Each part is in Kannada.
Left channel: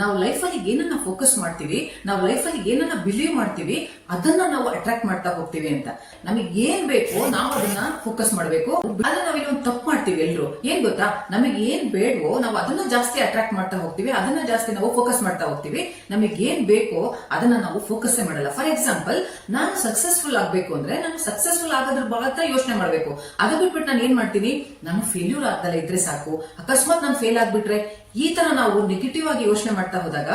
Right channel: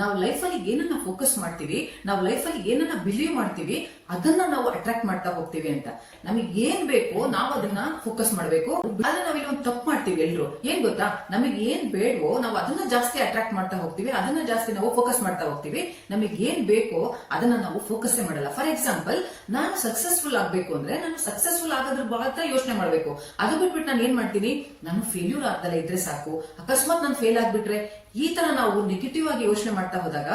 ನಾವು ಲೈಫಲ್ಲಿ ಏನನ್ನ ಫೋಕಸ್ ಮಾಡ್ತೀವಿ, ನಾವು ಲೈಫಲ್ಲಿ ಏನನ್ನ ಬಿಲೀವ್ ಮಾಡ್ತೀವಿ, ಅದನ್ನ ನಾವು ಅಟ್ರಾಕ್ಟ್ ಮಾಡ್ತಾ ಹೋಗ್ತೀವಿ ಅಂತ. ನಮಗೆ ಏನ್ ಬೇಕೋ ನಾವು ಅದನ್ನ ಫೋಕಸ್ ಮಾಡಬೇಕು. ಆದ್ರೆ ನಾವಿಲ್ಲಿ ಒಂದು ತಪ್ಪು ಮಾಡ್ತೀವಿ ಎಲ್ರು. ಏನ್ ಗೊತ್ತಾ, ನಮಗೆ ಏನ್ ಬೇಡವೋ ನಾವು ಅದನ್ನ ಜಾಸ್ತಿ ಅಟ್ರಾಕ್ಟ್ ಮಾಡ್ತಾ ಹೋಗ್ತೀವಿ, ಅದನ್ನ ಜಾಸ್ತಿ ನಾವು ಫೋಕಸ್ ಮಾಡ್ತಾ ಹೋಗ್ತೀವಿ. ನಮಗೆ ಏನ್ ಬೇಕೋ ಅದನ್ನ ನಾವು ಫೋಕಸ್ ಮಾಡಲ್ಲ. ಫಾರ್ ಎಕ್ಸಾಂಪಲ್, ನಾನು ಸಕ್ಸಸ್ಫುಲ್ ಆಗ್ಬೇಕು ಅಂದ್ರೆ ನಾನು ಸಕ್ಸಸ್ಫುಲ್ ಆಗೋದ್ರ ಮಾತ್ರ ಯೋಚನೆ ಮಾಡ್ಬೇಕು. ಅದು ಬಿಟ್ಬಿಟ್ಟು ನಾನು ಏನ್ ಮಾಡ್ತೀನಿ, ನಾನು ಫೇಲ್ಯೂರ್ ಆಗ್ದಲ್ಲ ಇದ್ರೆ ಸಾಕು, ಅಕಸ್ಮಾತ್ ನಾನು ಫೇಲ್ ಆಗ್ಬಿಟ್ರೆ, ಈ ತರ ನಾವು ನೆಗೆಟಿವ್ ಆಗಿ ಯೋಚನೆ ಮಾಡ್ತಾ ಹೋದಾಗ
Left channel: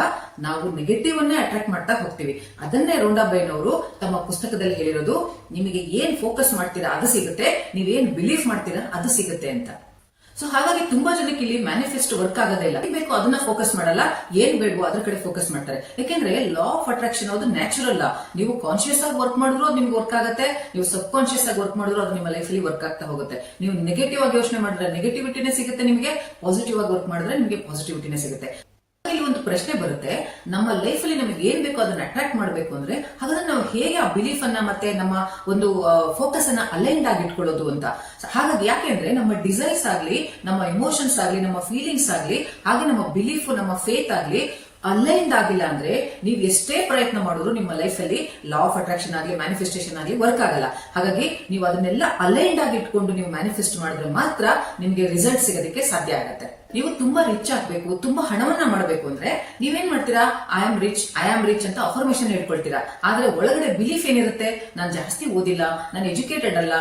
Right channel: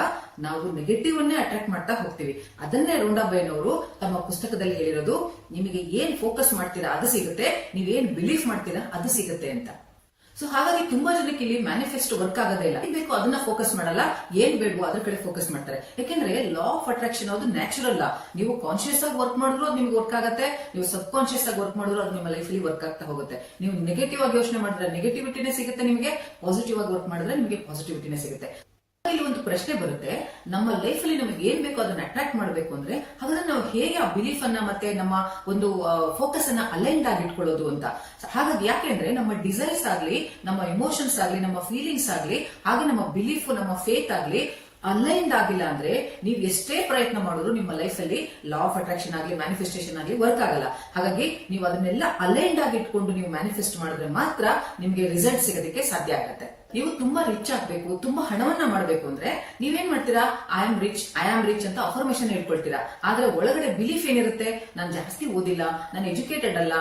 ನಾವು ನೆಗೆಟಿವ್ ಅನ್ನೇ ಅಟ್ರಾಕ್ಟ್ ಮಾಡ್ತಾ ಹೋಗ್ತೀವಿ. ಅದನ್ನೇ ರೋಂಡಾಬೈನವರು ತಮ್ಮ ಪುಸ್ತಕದಲ್ಲಿ ಹೇಳಿರೋದು, ನಿಮಗೆ ಏನ್ ಫೋಕಸ್ ಮಾಡ್ತೀರಾ ಅದು ಸಿಗುತ್ತೆ, ನೀವೇನ್ ಬಿಲೀಫ್ ಮಾಡ್ತೀರಾ ಅದು ಸಿಗುತ್ತೆ ಅಂತ. ಸೊ ಹಾಗಾಗಿ ತುಂಬಾ ಜನಕ್ಕೆ ಇಲ್ಲಿ ಮ್ಯಾನಿಫೆಸ್ಟ್ ವರ್ಕ್ ಆಗೋದೇ ಇಲ್ಲ. ಏನ್ ಬೇಕು ಅದನ್ನ ಫೋಕಸ್ ಮಾಡಲ್ಲ, ಏನ್ ಬೇಡವೋ ಅದ್ರ ಕಡೆ ಫೋಕಸ್ ಮಾಡ್ತಾರೆ. ಯಾಕೆಂದ್ರೆ ಲಾ ಆಫ್ ಅಟ್ರಾಕ್ಷನ್ ಅದು ನ್ಯಾಚುರಲ್ ಲಾ. ನೀವು ಕಾನ್ಶಿಯಸ್ ಆಗಿ ವರ್ಕ್ ಮಾಡಿದ್ರು ಅದು ನಿಮ್ಗೆ ವರ್ಕ್ ಆಗುತ್ತೆ, ನೀವು ಸಬ್ ಕಾನ್ಶಿಯಸ್ ಆಗಿ ವರ್ಕ್ ಮಾಡಿದ್ರು ಅದು ನಿಮ್ಮ ಲೈಫ್ ಅಲ್ಲಿ ವರ್ಕ್ ಆಗ್ತಾ ಹೋಗುತ್ತೆ. ನೀವು ನೆಗೆಟಿವ್ ಆಗಿ ಯೋಚನೆ ಮಾಡಿದ್ರೆ ನೆಗೆಟಿವಿಟಿನೇ ಸಿಗುತ್ತೆ ನಿಮಗೆ, ಪಾಸಿಟಿವ್ ಆಗಿ ವರ್ಕ್ ಮಾಡಿದ್ರೆ ನಿಮಗೆ ಪಾಸಿಟಿವಿಟಿನೇ ಸಿಗುತ್ತೆ. ಇಲ್ಲಿ ಒಂದು ಪ್ರಶ್ನೆ ಬರುತ್ತೆ, ನಮ್ಮ ಲೈಫ್ ಅಲ್ಲಿ ನಮಗೆ ಏನ್ ಬೇಕೋ ಅದನ್ನ ಅಟ್ರಾಕ್ಟ್ ಮಾಡಬೇಕು ಅಂದ್ರೆ ಹಾಗಾದ್ರೆ ನಾವು ಹೇಗೆ ಆ ಬಿಲೀಫ್ ಅನ್ನ ಮತ್ತೆ ನಮ್ಮ ಒಂದು ಫೋಕಸ್ ಅನ್ನ ಅಲೈನ್ಡ್ ಆಗಿ ಇಟ್ಕೊಳ್ಳೋದು ಅಂತ. ಹಾಗಾಗಿ ಯಾಕೆಂದ್ರೆ ನಮ್ಮ ಡಿಸೈರ್ಸ್ ಆಗ್ಲಿ, ನಮ್ಮ ಇಮೋಷನ್ಸ್ ಆಗ್ಲಿ, ನಮ್ಮ ಫೀಲಿಂಗ್ಸ್ ಆಗ್ಲಿ, ಹಾಗೆ ನಮ್ಮ ಬಿಲೀಫ್, ನಮ್ಮ ಫೇತ್ ಆಗ್ಲಿ ಅಲೈನ್ಡ್ ಆಗಿಲ್ಲ ಅಂದ್ರೆ ನೀವು ಎಷ್ಟೇ ಪ್ರಯತ್ನ ಮಾಡಿದ್ರು ನಿಮ್ಮ ಲೈಫ್ ಅಲ್ಲಿ ಲಾ ಆಫ್ ಅಟ್ರಾಕ್ಷನ್ ಆಗಲಿ ಮ್ಯಾನಿಫೆಸ್ಟೇಷನ್ ಆಗಲಿ ವರ್ಕ್ ಆಗಲ್ಲ. ಹಾಗಾಗಿ ನೀವು ಅದನ್ನೆಲ್ಲ ಅಲೈನ್ಡ್ ಆಗಿ ಇಟ್ಕೊಂಡು ನೀವು ಮ್ಯಾನಿಫೆಸ್ಟ್ ಮಾಡಿದ್ರೆ ಮಾತ್ರ ನಿಮ್ಗೆ ರಿಸಲ್ಟ್ ಸಿಗೋದಕ್ಕೆ ಸಾಧ್ಯ ಆಗುತ್ತೆ. ನೀವು ತುಂಬಾ ರಿಚ್ ಆಗ್ಬೇಕು, ತುಂಬಾ ಹಣವನ್ನ ಮಾಡಬೇಕು ಅಂದ್ರೆ ನೀವೇನ್ ಮಾಡ್ತೀರಾ, ಐ ಆಮ್ ರಿಚ್ ಅಂತ ಅಫರ್ಮೇಶನ್ ಹೇಳ್ಕೊಳ್ತೀರಾ. ಆದ್ರೆ ಒಳಗಡೆ ಬಿಲೀಫ್ ಏನಿರುತ್ತೆ, ನಾನು ಜಾಸ್ತಿ ಓದಿಲ್ಲ, ನಾನು ಎಜುಕೇಟೆಡ್ ಅಲ್ಲ,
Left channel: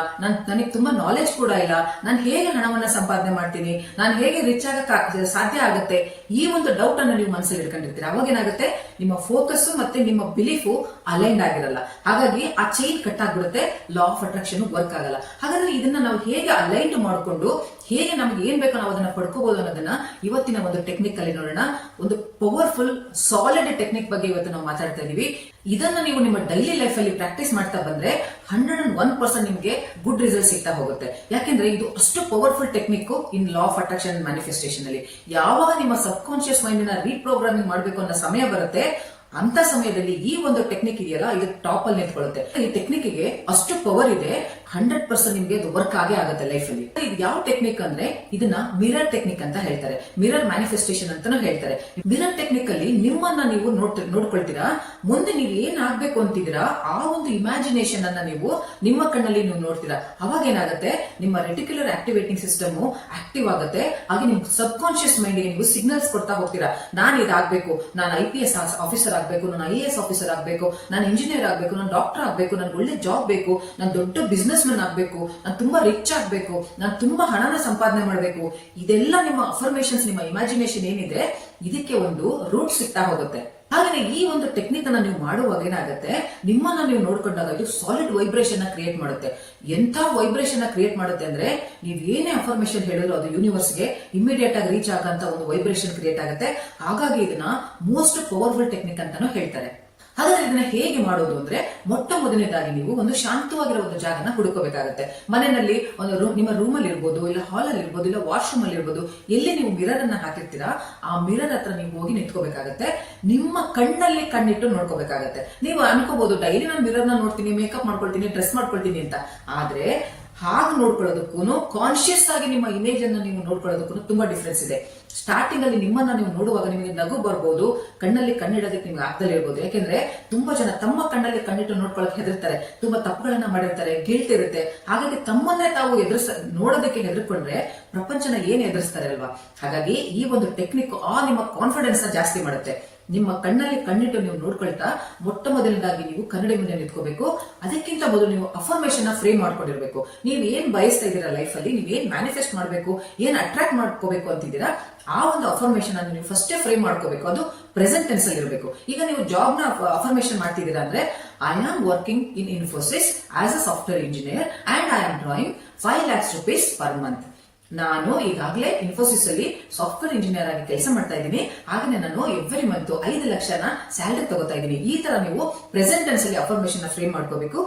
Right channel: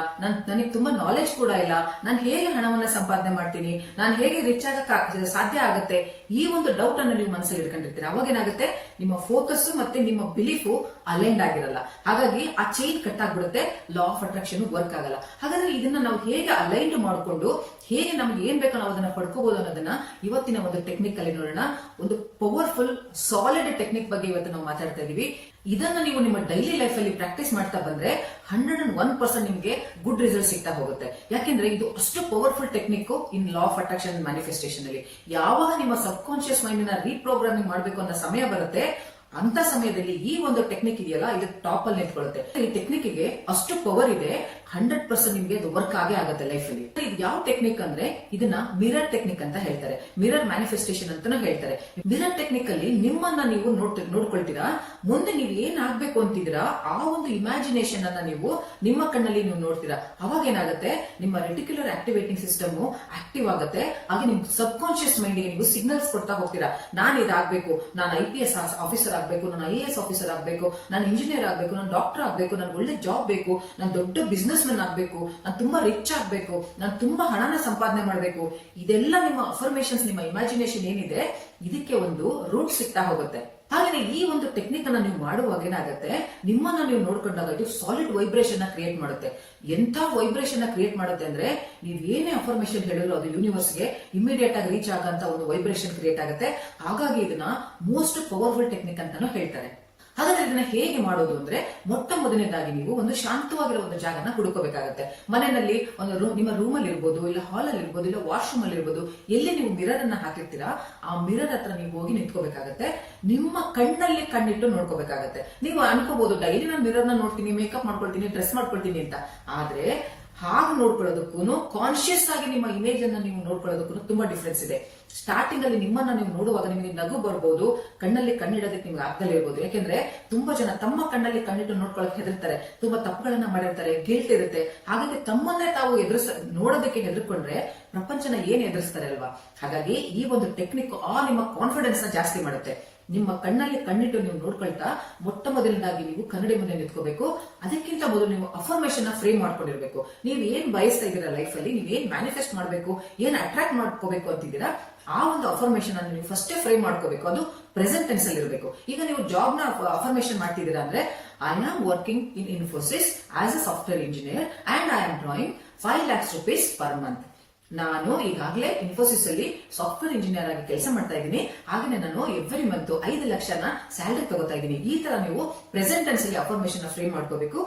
ನನಗೆ ತುಂಬಾ ನಾಲೆಜ್ ಕೂಡ ಇಲ್ಲ, ನಾನು ಹೇಗೆ ಹಣವನ್ನ ಸಂಪಾದನೆ ಮಾಡ್ತೀನಿ, ನಾನು ಹೇಗೆ ರಿಚ್ ಆಗಕ್ಕೆ ಸಾಧ್ಯ ಆಗುತ್ತೆ, ಈ ಒಂದು ಡೌಟ್ ಅನ್ನು ನೀವು ಮನಸ್ಸಲ್ಲಿ ಇಟ್ಕೊಂಡಿರ್ತೀರಾ. ಅವಾಗ ಏನಾಗುತ್ತೆ, ನಿಮ್ಮ ಫೋಕಸ್ ಮತ್ತೆ ನಿಮ್ಮ ಬಿಲೀಫು ಅಲೈನ್ಡ್ ಆಗಿರಲ್ಲ. ಹಾಗಾಗಿ ಆ ಚೈನ್ ಕಟ್ ಆಗ್ಬಿಡುತ್ತೆ, ಲಾ ಆಫ್ ಅಟ್ರಾಕ್ಷನ್ ವರ್ಕ್ ಆಗಲ್ಲ. ಹಾಗಾದ್ರೆ ಇದನ್ನ ನಾವು ಹೇಗೆ ಅಲೈನ್ಡ್ ಮಾಡಿಕೊಂಡು ಹೇಗೆ ನಮ್ಗೆ ಏನ್ ಬೇಕೋ ನಾವು ಅದನ್ನ ಪಡ್ಕೋಬಹುದು ಅನ್ನೋದನ್ನ ಇವತ್ತಿನ ಒಂದು ಟೆಕ್ನಿಕ್ ಅಲ್ಲಿ ನೋಡೋಣ. ಒಂದು ಪವರ್ಫುಲ್ ಸಾಲಿಡ್ ಟೆಕ್ನಿಕ್ ಬಗ್ಗೆ ಇವತ್ತು ನಾವು ಮಾತಾಡ್ತಾ ಇದೀವಿ. ಇದನ್ನ ನೀವು ನಿಮ್ಮ ಡೈಲಿ ಲೈಫ್ ಅಲ್ಲಿ ಪ್ರಾಕ್ಟೀಸ್ ಮಾಡ್ತಾ ಬಂದ್ರೆ 101% ನಿಮ್ಗೆ ಗುಡ್ ರಿಸಲ್ಟ್ ಸಿಗ್ತಾ ಹೋಗುತ್ತೆ. ಯಾಕೆಂದ್ರೆ ಇದು ಅಷ್ಟು powerful technique in law of attraction manifestation ಅಲ್ಲಿ. ಯಾವಾಗ ನಿಮ್ಮ ಸಬ್ ಕಾನ್ಶಿಯಸ್ ಮೈಂಡ್ ನ ರೀಪ್ರೋಗ್ರಾಮಿಂಗ್ ಮಾಡಬೇಕು ಅನ್ನೋ ಸಮಯ ಬರುತ್ತೆ, ಅಂತ ಸಮಯದಲ್ಲಿ ಈ ಒಂದು ಟೆಕ್ನಿಕ್ ಇದೆಯಲ್ಲ, ಇದು ಟಾಪ್ ಅಲ್ಲಿ ನಿಂತ್ಕೊಳ್ಳುತ್ತೆ. ಈ ಟೆಕ್ನಿಕ್ ಗೆ ಅಷ್ಟು ಪವರ್ ಇದೆ, 100% ನಿಮ್ಗೆ ಅದು ವರ್ಕ್ ಆಗೇ ಆಗುತ್ತೆ ಲೈಫ್ ಅಲ್ಲಿ. ಇದು ಯಾವ ಟೆಕ್ನಿಕ್ ಅಂದ್ರೆ ಇದನ್ನ ಮಿರರ್ ಟೆಕ್ನಿಕ್ ಅಂತ ಹೇಳ್ತಾರೆ, ಮಿರರ್ ಮ್ಯಾನಿಫೆಸ್ಟೇಷನ್ ಅಂತಾನೂ ಹೇಳ್ತಾರೆ. ಮಿರರ್ ಟೆಕ್ನಿಕ್ ಅಲ್ಲಿ ನಿಮ್ಮನ್ನ ನೀವು ನೋಡ್ಕೊಳ್ತೀರಾ, ಮುಂದೆ ನೀವು ಏನ್ ಆಗ್ಬೇಕು ಅಂತಿದ್ದೀರಾ ಆ ಒಂದು ಇಮ್ಯಾಜಿನೇಷನ್ ಅನ್ನ ನೀವು ನಿಮ್ಮ ಕಣ್ಣಲ್ಲಿ ನೀವು ನೋಡ್ತೀರಾ. ಅವಾಗ ಏನಾಗುತ್ತೆ, ನಿಮ್ಮ ರೆಟಿಕ್ಯುಲರ್ ಆಕ್ಟಿವೇಟಿಂಗ್ ಸಿಸ್ಟಮ್ ಆಕ್ಟಿವ್ ಆಗುತ್ತೆ. ಹಾಗೆ ನಿಮ್ ಸಬ್ ಕಾನ್ಶಿಯಸ್ ಮೈಂಡ್ ಗೆ ನೀವು ಸಿಗ್ನಲ್ಸ್ ಕೊಡ್ತಾ ಹೋಗ್ತೀರಾ. ನಾನು ಇದಾಗಬೇಕು, ನಾನು IPS ಆಫೀಸರ್ ಆಗ್ಬೇಕು, ನಾನು IAS ಆಫೀಸರ್ ಆಗ್ಬೇಕು, ನಾನು ಇಂಜಿನಿಯರ್ ಆಗ್ಬೇಕು, ನಾನು ಡಾಕ್ಟರ್ ಆಗ್ಬೇಕು, ನನ್ಗೆ ಒಳ್ಳೆ ಜಾಬ್ ಬೇಕು, ನಾನು ದೊಡ್ಡ ಬಿಸ್ನೆಸ್ ಮ್ಯಾನ್ ಆಗ್ಬೇಕು, ನಾನು ತುಂಬಾ ರಿಚ್ ಆಗ್ಬೇಕು, ನಾನು ತುಂಬಾ ಹಣನ ಸಂಪಾದನೆ ಮಾಡಬೇಕು. ಇದೆಲ್ಲ ನಿಮ್ಮ ಅಫರ್ಮೇಷನ್ಸ್, ನಿಮ್ಮ ಇಮ್ಯಾಜಿನೇಷನ್ ಏನಿದೆ ಇದಕ್ಕೆ ಒಂದು ರೂಟ್ ಸಿಗ್ತಾ ಹೋಗುತ್ತೆ. ಹಾಗೆ ಈ ಒಂದು ಟೆಕ್ನಿಕ್ ಅನ್ನ ನೀವು ಮಾಡುವಾಗ ಏನಾಗುತ್ತೆ, ನಿಮ್ಮನ್ನ ನೀವು ನೋಡ್ಕೊಂಡಾಗ ಇದು ಸಾಲಿಡ್ ವೈಬ್ರೇಷನ್ ಕ್ರಿಯೇಟ್ ಮಾಡುತ್ತೆ. ಎಂಥ ವೈಬ್ರೇಷನ್ ಕ್ರಿಯೇಟ್ ಮಾಡುತ್ತೆ ಅಂದ್ರೆ ನೀವು ಏನೇ ಅಫರ್ಮೇಷನ್ ಹೇಳಿದ್ರು ಅದು ಯೂನಿವರ್ಸ್ಗೆ ಇಮಿಡಿಯೇಟ್ ಆಗಿ ರೀಚ್ ಆಗಂತ ಒಂದು ವೈಬ್ರೇಷನ್ ಕ್ರಿಯೇಟ್ ಆಗುತ್ತೆ. ಹಾಗಾಗಿ ಇದನ್ನ ಮೋಸ್ಟ್ ಪವರ್ಫುಲ್ ಟೆಕ್ನಿಕ್ ಅಂತಾನು ಹೇಳ್ತಾರೆ. ಹಾಗಾದ್ರೆ ಇದನ್ನ ಹೇಗೆ ಮಾಡೋದು ಅಂದ್ರೆ, ಮೊಟ್ಟ ಮೊದಲನೇದಾಗಿ ನೀವು ಒಂದು ಶಾಂತವಾಗಿರೋ ಒಂದು ಜಾಗನ ಹುಡುಕೋಬೇಕಾಗತ್ತೆ. ಮನೆಯಲ್ಲಿ ಒಂದು ನಿಮ್ಮ ರೂಮ್ ಅಲ್ಲಿ ಇರ್ಬೋದು, ಇಲ್ಲ ಹಾಲ್ ಅಲ್ಲಿ ಇರ್ಬೋದು, ಇಲ್ಲ ವಾಶ್ರೂಮ್ ಅಲ್ಲಿ ಇರ್ಬೋದು, ಎಲ್ಲಿ ನೀವು ಮಿರರ್ ಅನ್ನ ಹಾಕಿರ್ತೀರಾ ಆ ಮಿರರ್ ಹತ್ರ ನೀವು ಹೋಗಿ ನಿಂತ್ಕೋಬೇಕಾಗತ್ತೆ. ನಿಮ್ಮ ಕಣ್ಣಲ್ಲಿ ಕಣ್ಣಿಟ್ಟು ನೋಡ್ಕೋಬೇಕಾಗತ್ತೆ. ನೀವು ಅನ್ಕೋಬಹುದು ಡೈಲಿ ನಾನು ಮಿರರ್ ನ ನೋಡ್ತೀನಿ, ಮೇಕಪ್ ಮಾಡ್ಕೊಳ್ತೀನಿ, ಡ್ರೆಸ್ ಮಾಡ್ಕೊಳ್ತೀನಿ ಅಂತ. ಆದ್ರೆ ಹಾಗೆ ನೋಡ್ಕೊಳ್ಳೋದಕ್ಕೂ ಕಾನ್ಶಿಯಸ್ ಆಗಿ ನಿಮ್ಮ ಇಮೇಜ್ ಅನ್ನ ನೀವು ನೋಡ್ಕೊಳ್ಳೋದಕ್ಕೂ ತುಂಬಾ ಡಿಫ್ರೆನ್ಸ್ ಇದೆ. ಸ್ಟಾರ್ಟಿಂಗ್ ಅಲ್ಲಿ ನಿಮ್ಮನ್ನ ನೀವು ನೋಡುವಾಗ ನಿಮಗೆ ನಗು ಬರ್ಬೋದು, ಕಣ್ಣಲ್ಲಿ ಕಣ್ಣಿಡೋದಕ್ಕೆ ನಿಮ್ಗೆ ಆಗ್ದಲೇ ಇರ್ಬೋದು. ಯಾಕೆಂದ್ರೆ ತುಂಬಾ ಜನ ತಮ್ಮ ಕಣ್ಣಲ್ಲಿ ಕಣ್ಣಿಟ್ಟು ನೋಡ್ಕೊಳಕ್ ಹೆದರ್ತಾರೆ, ತುಂಬಾ ತಪ್ಪುಗಳನ್ನ ಮಾಡಿರ್ತಾರೆ, ಗಿಲ್ಟ್ ಇರುತ್ತೆ. ಹಾಗಾಗಿ ತಮ್ಮನ್ನೇ ತಾವು ನೋಡೋದಕ್ಕೆ ಹೆದರ್ಕೊಂಡ್ರೆ ಪ್ರಪಂಚನ ಏನ್ ಎದುರಿಸ್ತಾರೆ ಅಲ್ವಾ. ಹಾಗಾಗಿ ಈ ಒಂದು ಟೆಕ್ನಿಕ್ ನಿಮ್ಮ ಕಾನ್ಫಿಡೆನ್ಸ್ ನ ಜಾಸ್ತಿ ಮಾಡುತ್ತೆ. ನಿಮ್ಮ ಕಣ್ಣಲ್ಲಿ ಕಣ್ಣಿಟ್ಟು ನೀವು ನೋಡ್ಕೊಳ್ತಾ ಮೊಟ್ಟ ಮೊದಲನೇದಾಗಿ ನೀವು ಕನ್ನಡಿ ಮುಂದೆ ನಿಂತ್ಕೋಬೇಕು. ಅದಕ್ಕಿಂತ ಮೊದಲು ನೀವು ಅಫರ್ಮೇಷನ್ ಫ್ರೇಮ್ ಮಾಡ್ಕೊಂಡಿರ್ಬೇಕು. ನೀವು ಏನ್ ಬಯಸ್ತಾ ಇದ್ದೀರಾ ಲೈಫ್ ಅಲ್ಲಿ, ನೀವು ಏನ್ ಮ್ಯಾನಿಫೆಸ್ಟ್ ಮಾಡಬೇಕು, ಏನ್ ಅಟ್ರಾಕ್ಟ್ ಮಾಡ್ಕೋಬೇಕು ಅಂತಿದ್ದೀರಾ, ಆ ಒಂದು ಅಫರ್ಮೇಷನ್ ಅನ್ನು ನೀವು ಫಸ್ಟೇ ಫ್ರೇಮ್ ಮಾಡ್ಕೋಬೇಕು. ಅದು ಪ್ರೆಸೆಂಟ್ ಟೆನ್ಸ್ ಅಲ್ಲಿ ಇರಬೇಕು. ಈಗ ನೀವು ಜಾಬ್ ನ ಅಫರ್ಮೇಷನ್ ಮಾಡ್ತಿದ್ದೀರಾ ಅಂದ್ರೆ, I am working in Infosys as a software engineer and I am drawing 5 lakhs rupees per month. ನಾನು ಈಗಾಗಲೇ ಇನ್ಫೋಸಿಸ್ ಅಲ್ಲಿ ಸಾಫ್ಟ್ವೇರ್ ಇಂಜಿನಿಯರ್ ಆಗಿ ಕೆಲಸ ಮಾಡ್ತಾ ಇದ್ದೀನಿ. ಹಾಗೆ ನಾನು ಎವ್ರಿ ಮಂತ್ 5 ಲಕ್ಷನ ಸ್ಯಾಲರಿ ತಗೋತಾ ಇದ್ದೀನಿ. ಈ ತರ ನೀವು ಪ್ರೆಸೆಂಟ್ ಟೆನ್ಸ್ ಅಲ್ಲಿ ಅಫರ್ಮೇಷನ್ ಫ್ರೇಮ್ ಮಾಡ್ಕೋಬೇಕು.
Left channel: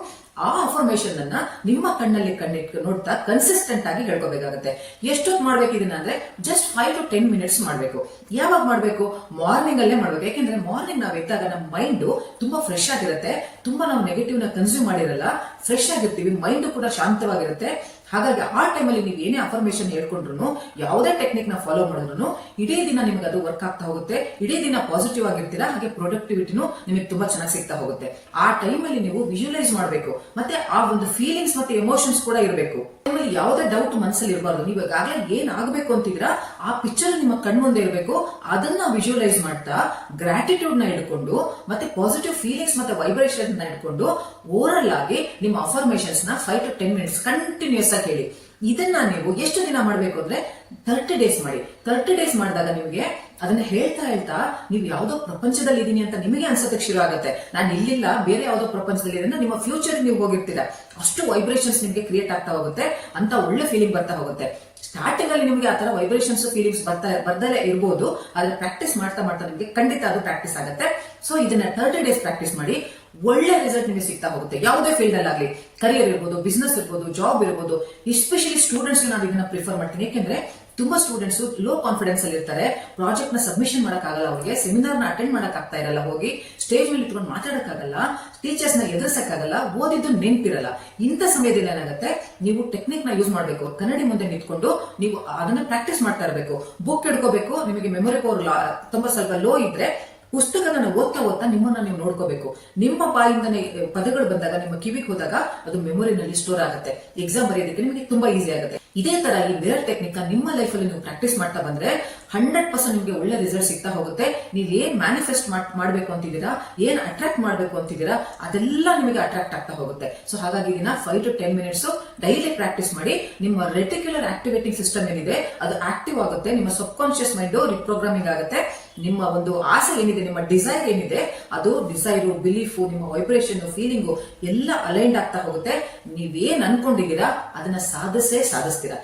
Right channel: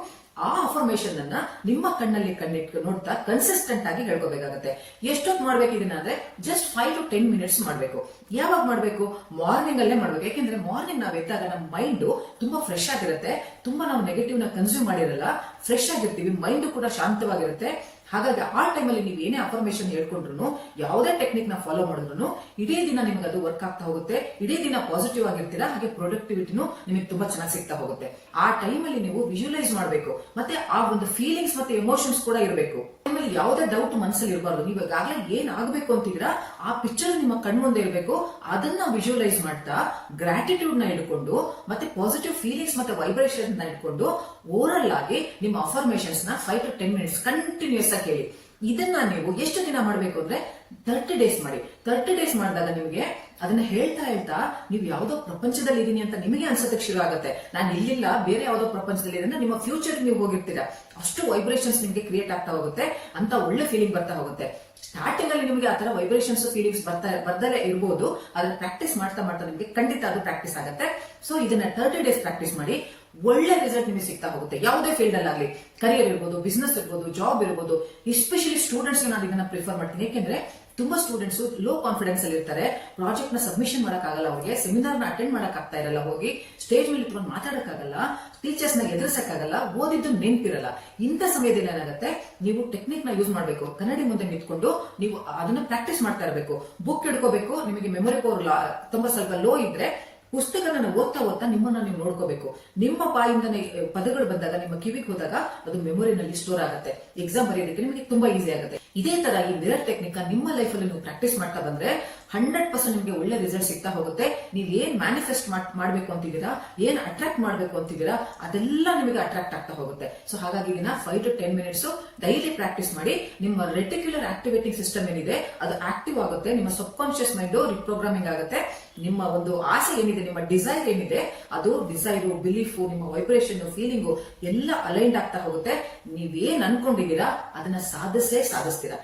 ಆ ಅಫರ್ಮೇಷನ್ ಅನ್ನ ನಿಮ್ಮ ಕಣ್ಣಲ್ಲಿ ಕಣ್ಣಿಟ್ಟು ನೋಡ್ತಾ ಕನ್ಸಿಸ್ಟೆಂಟ್ ಆಗಿ ಹೇಳ್ಕೋಬೇಕಾಗುತ್ತೆ. ಎಷ್ಟೊತ್ತು ಮಾಡ್ಬೇಕು ಇದನ್ನ ಅಂದ್ರೆ ಜಸ್ಟ್ 5 to 10 minutes ಮಾಡ್ಬೇಕು. ಯಾವಾಗ ಮಾಡ್ಬೇಕು, ಮಾರ್ನಿಂಗ್ ಅಲ್ಲೇ ಮಾಡ್ಬೇಕು. ಯಾಕೆಂದ್ರೆ ಮಾರ್ನಿಂಗ್ ನಾವ್ ಎದ್ದಾಗ ನಮ್ಮ ಮೈಂಡ್ ತುಂಬಾ ಫ್ರೆಶ್ ಆಗಿರುತ್ತೆ, ತುಂಬಾ ನಾವು ನೆಗೆಟಿವ್ ನ ಕನ್ಸ್ಯೂಮ್ ಮಾಡಿರಲ್ಲ, ಫ್ರೆಶ್ ಆಗಿರ್ತೀವಿ, ಮೈಂಡ್ ಕೂಡ ಶಾಂತವಾಗಿರುತ್ತೆ. ಹಾಗಾಗಿ ಆ ಟೈಮಲ್ಲಿ ನೀವು ಏನೇ ಅಫರ್ಮೇಶನ್ ಹೇಳ್ಕೊಂಡ್ರು, ಯಾವುದೇ ಟೆಕ್ನಿಕ್ ನ ಫಾಲೋ ಮಾಡಿದ್ರು ಇಡೀ ದಿನ ನಿಮ್ಗೆ ಅದು ವರ್ಕ್ ಆಗ್ತಾ ಹೋಗುತ್ತೆ. ಇಡೀ ದಿನ ಪಾಸಿಟಿವ್ ಆಗಿರ್ತೀರಾ, ಹಾಗೆ ಪ್ರೊಡಕ್ಟಿವಿಟಿನೂ ನಿಮಗೆ ತುಂಬಾ ಚೆನ್ನಾಗಿ ಸಿಗ್ತಾ ಹೋಗುತ್ತೆ. ಆ ಟೈಮಲ್ಲಿ ನೀವು ವಿಜುವಲೈಸ್ ಮಾಡಬೇಕು, ಮತ್ತೆ ಆ ಒಂದು ಫೀಲಿಂಗ್ಸ್ ಮತ್ತೆ ಎಮೋಷನ್ಸ್ ಕೂಡ ಇರಬೇಕು. ಯಾವುದೇ ಡೌಟ್ ಮನಸ್ಸಲ್ಲಿ ಇರಬಾರ್ದು. ನೀವು ಈಗಾಗಲೇ ಏನ್ ಆಗ್ಬೇಕು ಅಂತಿದ್ದೀರಾ ಆ ಪಿಕ್ಚರ್ ನಿಮ್ಮ ಕಣ್ಮುಂದೆ ಇರಬೇಕು. ಅದನ್ನ ವಿಜುವಲೈಸ್ ಮಾಡ್ತಾ ಗ್ರಾಟಿಟ್ಯೂಡ್ ನ ಇಟ್ಕೊಂಡು ಮತ್ತೆ ಪಾಸಿಟಿವ್ ಫೀಲಿಂಗ್ಸ್ ಮತ್ತೆ ವೈಬ್ರೇಷನ್ ನ ಇಟ್ಕೊಂಡು ಓವರಲ್ ಆಗಿ ನಿಮ್ಮ ಅಫರ್ಮೇಶನ್ಸ್ ನ 5 to 10 minutes ಕಂಟಿನ್ಯೂಸ್ ಆಗಿ ಹೇಳಿ. ಇದನ್ನ ನೀವು ಎಷ್ಟು ದಿನ ಮಾಡಬೇಕು ಅಂದ್ರೆ 30 days ಮಾಡಿ. 30 days ಮಾಡಿದಾಗ ನಿಮಗೆ ಅದನ್ನ ಹೇಳ್ತಾ ಹೇಳ್ತಾ ನೀವು ಯಾವ್ದೋ ಪ್ರಪಂಚದಲ್ಲಿ ಇದೀನಿ ಅಂತ ನಿಮಗೆ ಅನ್ಸೋದಕ್ಕೆ ಶುರು ಆಗುತ್ತೆ. ನಾನು ಇಲ್ಲಿಲ್ಲ, ಬೇರೆ ಯಾವ್ದೋ ಪ್ರಪಂಚದಲ್ಲಿ ಇದೆ, ನಿಮ್ಮ ಫ್ಯೂಚರ್ ನೀವು ಹೋಗಿರ್ತೀರಾ. ಅಷ್ಟು ವೈಬ್ರೇಷನ್ಸ್ ನಿಮಗೆ ಕ್ರಿಯೇಟ್ ಆಗ್ತಾ ಹೋಗುತ್ತೆ, ಅಂತ ಒಳ್ಳೆ ಫೀಲಿಂಗ್ ಬರ್ತಾ ಹೋಗುತ್ತೆ. ಸ್ಟಾರ್ಟಿಂಗ್ ಅಲ್ಲಿ ನಿಮಗೆ ಆ ತರ ವೈಬ್ರೇಷನ್ಸ್ ಫೀಲಿಂಗ್ಸ್ ಬರ್ದಲೇ ಇರಬಹುದು, ಆದ್ರೆ ಪ್ರಾಕ್ಟೀಸ್ ಮಾಡ್ತಾ ಮಾಡ್ತಾ ನಿಮಗೆ ಖಂಡಿತ ಅದು ಪ್ರಾಕ್ಟೀಸ್ ಆಗುತ್ತೆ. ಸೊ ಇದನ್ನ 30 days ಪ್ರಾಕ್ಟೀಸ್ ಮಾಡಿ, ಒಳ್ಳೆ ರಿಸಲ್ಟ್ ನಿಮಗೆ ಸಿಗ್ತಾ ಹೋಗುತ್ತೆ. ಯಾವುದೇ ಫೀಲ್ಡ್ ಅಲ್ಲಿ, ಕರಿಯರ್ ಇರ್ಬೋದು, ಬಿಸ್ನೆಸ್ ಇರ್ಬೋದು, ಜಾಬ್ ಇರ್ಬೋದು. ಎಸ್ಪೆಷಲಿ ಸ್ಟೂಡೆಂಟ್ಸ್ ನಾನು ಇದನ್ನ ಪ್ರಿಫರ್ ಮಾಡ್ತೀನಿ. ಯಾಕೆಂದ್ರೆ ತುಂಬಾ ಸ್ಟೂಡೆಂಟ್ಸ್ ಲೋ ಕಾನ್ಫಿಡೆನ್ಸ್ ಅಲ್ಲಿ ಇರ್ತಾರೆ, ಪ್ರಾಜೆಕ್ಟ್ ನ ಸಬ್ಮಿಷನ್ ಮಾಡಕ್ ಆಗಲ್ಲ, ಅವ್ರಿಗೆ ಸೆಮಿನಾರ್ ನ ಅಟೆಂಡ್ ಮಾಡಕ್ ಆಗ್ತಾ ಇರಲ್ಲ, ಹೋಗಿ ಸ್ಟೇಜ್ ಮೇಲೆ ಇಟ್ಕೊಂಡು ಮಾತಾಡಕ್ಕಾಗಲ್ಲ, ಟೀಚರ್ಸ್ ನ ಎದುರಿಸಕ್ಕಾಗಲ್ಲ, ಓದಿದ್ದು ನೆನಪಿರಲ್ಲ. ಇಂಥ ಸಮಯದಲ್ಲಿ ಏನಾಗುತ್ತೆ, ನೀವು ಟೆಕ್ನಿಕ್ ನ ಯೂಸ್ ಮಾಡಬೇಕು. ಕನ್ನಡಿ ಮುಂದೆ ನಿಂತ್ಕೊಂಡು ನೀವು ಅದನ್ನ ಪ್ರಾಕ್ಟೀಸ್ ಮಾಡ್ತಾ ಇರಬೇಕು. ಬುಕ್ ಹಿಡ್ಕೋಬೇಕು. ನಿಮಗೆ ಮೆಮೊರಿ ಪವರ್ ತುಂಬಾ ಸ್ವಲ್ಪ ಲೋ ಇದ್ರೆ ಪುಸ್ತಕನ ಓದ್ತಾ ಓದ್ತಾ ನಿಮ್ಮನ್ನ ನೀವು ನೋಡ್ಕೋಬೇಕು. ನಿಮ್ಮ ಬಾಯಿಂದನೇ ಪದಗಳು ಬಂದಾಗ, ನಿಮ್ಮ ಕಿವಿಗೆ ಹೋದಾಗ ಅದು ಮೆಮೊರಿನಲ್ಲಿ ಸ್ಟೋರ್ ಆಗುತ್ತೆ. ಎಕ್ಸಾಮ್ ಬರೆಯೋದಕ್ಕೆ ನಿಮಗೆ ತುಂಬಾ ಈಸಿ ಆಗುತ್ತೆ. ಇದೇ ತರ ಈ ಮಿರರ್ ಟೆಕ್ನಿಕ್ ನಿಮ್ಮ ಲೈಫ್ ಅಲ್ಲಿ ನೀವು ಪ್ರಾಕ್ಟೀಸ್ ಮಾಡ್ತಾ ಬಂದ್ರೆ 100% ನಿಮಗೆ ಒಳ್ಳೆ ರಿಸಲ್ಟ್ ಸಿಗ್ತಾ ಹೋಗುತ್ತೆ. ನೀವ್ ಏನ್ ಮ್ಯಾನಿಫೆಸ್ಟ್ ಮಾಡ್ಬೇಕು ಅಂತಿದ್ದೀರಾ, ಏನ್ ಅಟ್ರಾಕ್ಟ್ ಮಾಡ್ಬೇಕು ಅಂತಿದ್ದೀರಾ, ಅದೆಲ್ಲ ನಿಮಗೆ ಅಟ್ರಾಕ್ಟ್ ಆಗ್ತಾ ಹೋಗುತ್ತೆ. ಸೊ ಹಾಗಾಗಿ ಇದನ್ನ 5 to 10 minutes ಡೈಲಿ ಪ್ರಾಕ್ಟೀಸ್ ಮಾಡಿ. ನಿಮ್ಮ ರೆಟಿಕ್ಯುಲರ್ ಆಕ್ಟಿವೇಟಿಂಗ್ ಸಿಸ್ಟಮ್ ಏನಿದೆ ಅದು ಆಕ್ಟಿವ್ ಆಗುತ್ತೆ. ನಿಮ್ಮ ಸಬ್ ಕಾನ್ಶಿಯಸ್ ಮೈಂಡ್ ರಿಪ್ರೋಗ್ರಾಮಿಂಗ್ ಆಗುತ್ತೆ. ನಿಮ್ಮ ಒಂದು ಆಸೆ ಏನಿದೆ, ನಿಮ್ಮ ಡಿಸೈರ್ ಏನಿದೆ, ಅದು ಡಿಸೈರು, ಬಿಲೀಫು, ನಿಮ್ಮ ವೈಬ್ರೇಷನ್, ಫೀಲಿಂಗು ಎಲ್ಲ ಅಲೈನ್ಡ್ ಆಗ್ತಾ ಹೋಗುತ್ತೆ. ನೀವೇನ್ ಅನ್ಕೊಂಡಿದ್ದೀರಾ ಅದನ್ನ ಸಾಧಿಸ್ತೀರಾ.